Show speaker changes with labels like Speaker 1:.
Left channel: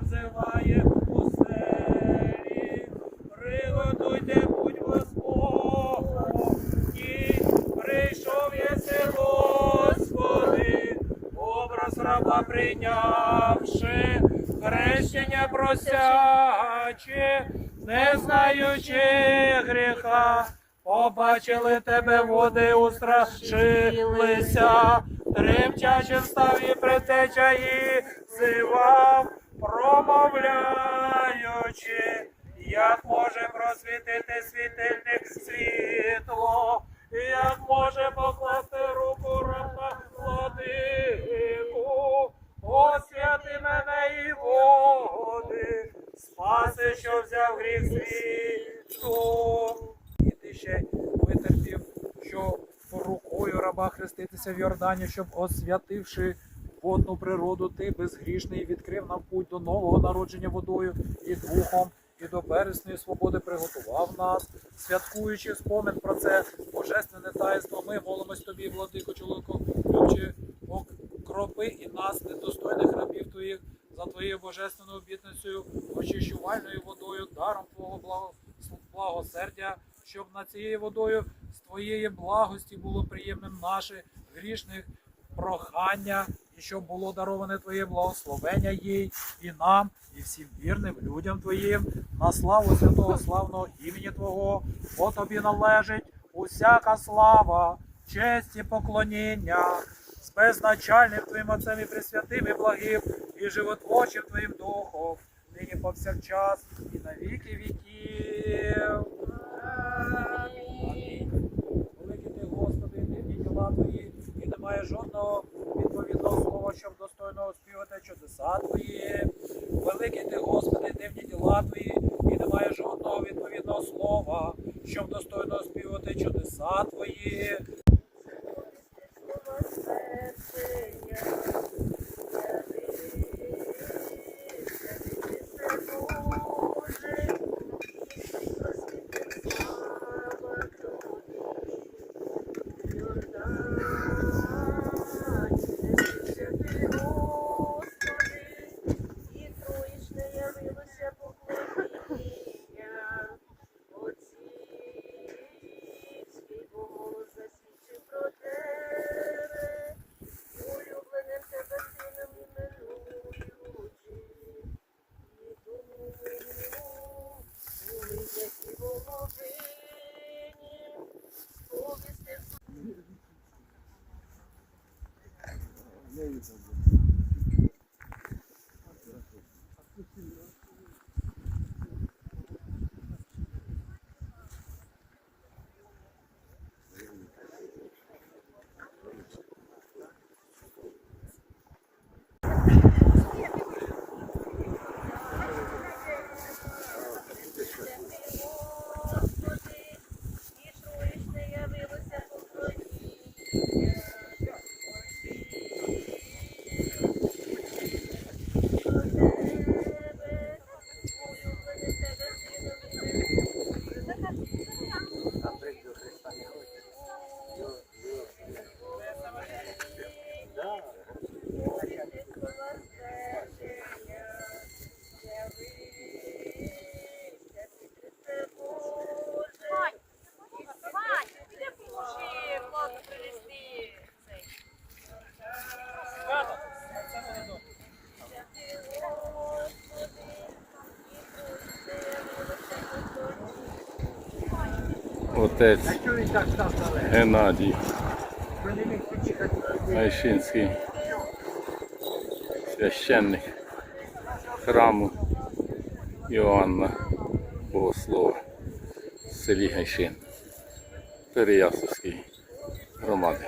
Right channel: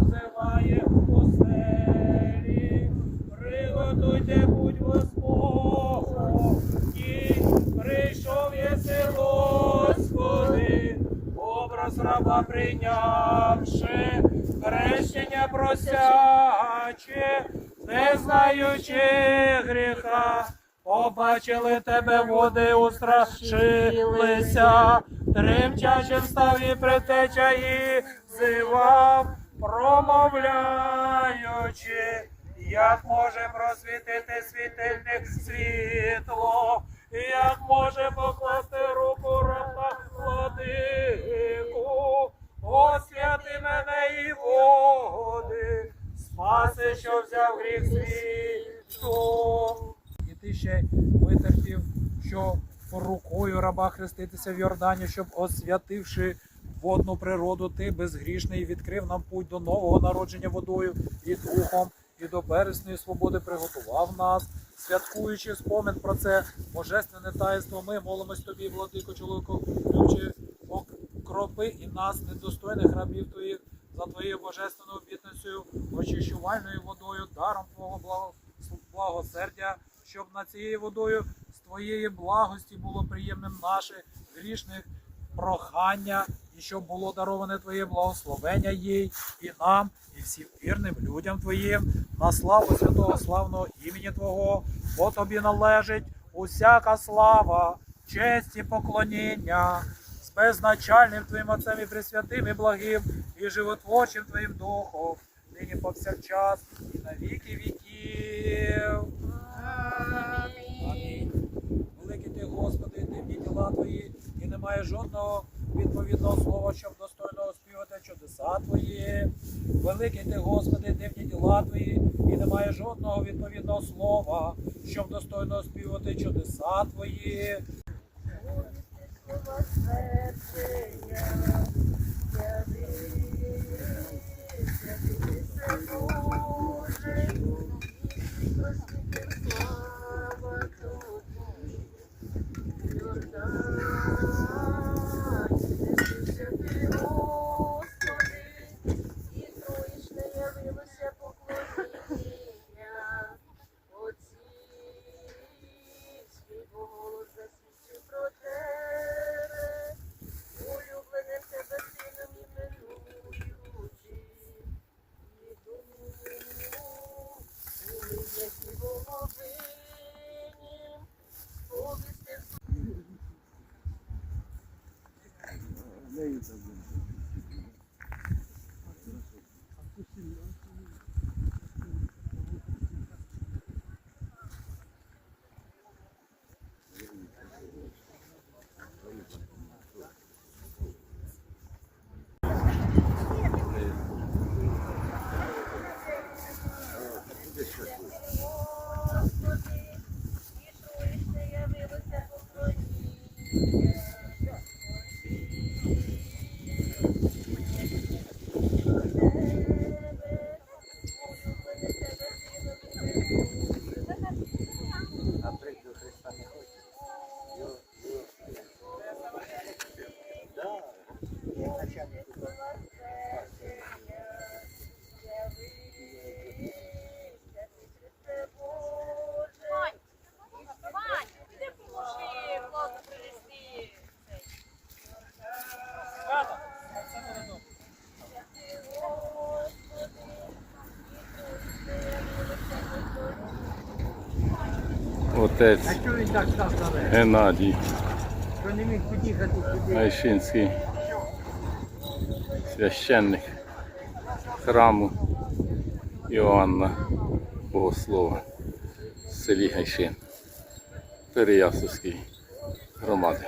Speaker 1: Взиває пустелі, приготуйте путь Господу, і прийшов єси, Господи, образ раба прийнявши, хрещення просячи, не знаючи гріха, побачили тебе води, устрашилися, тремтячим став і предтеча і зивав, промовляючи, як може просвітити світильник світло, як може покласти руку раба владику, освяти мене і води, спаси, що взяв гріх світу. І ти ще витерпів, що рукою раба хреститися в Йордані, щоб освятивши водну природу, ти безгрішний відкрив нам путь до нового народження водою і духом, і до бересної свободи приготував нас, святкуючи спомин про це божественне таїнство, ми молимось тобі, владико, чоловіко, ключи, окропи і нас, недостойних рабів твоїх, за твоєю божественною обітницею, очищувальною водою, даром твого благо- благосердя, щоб над цією водою з твоєї благості було приємним наше грішних прохання, і щоб було дароване Твоє благословення їй і нам, і всім вірним людям Твоїм, на славу святого славного імені Твого, бо тобі належить усяка слава, честь і поклоніння з безначальним Твоїм Отцем і Пресвятим, і благим, і животворчим Твоїм Духом, нині повсякчас, і на віки віків. Амінь. Великий ти, Господи, дивні діла твої, і немає жодного відповідного слова, щоб достойно твої. Великий ти, Господи, дивні діла твої, і немає жодного відповідного слова, щоб достойно оспівати чудеса твої.
Speaker 2: Вигляді воловині, поклоніння.
Speaker 3: Отець Геннадій Айшинський, священник храму Іоанна Богослова в селі Гайшин Переясовській громади.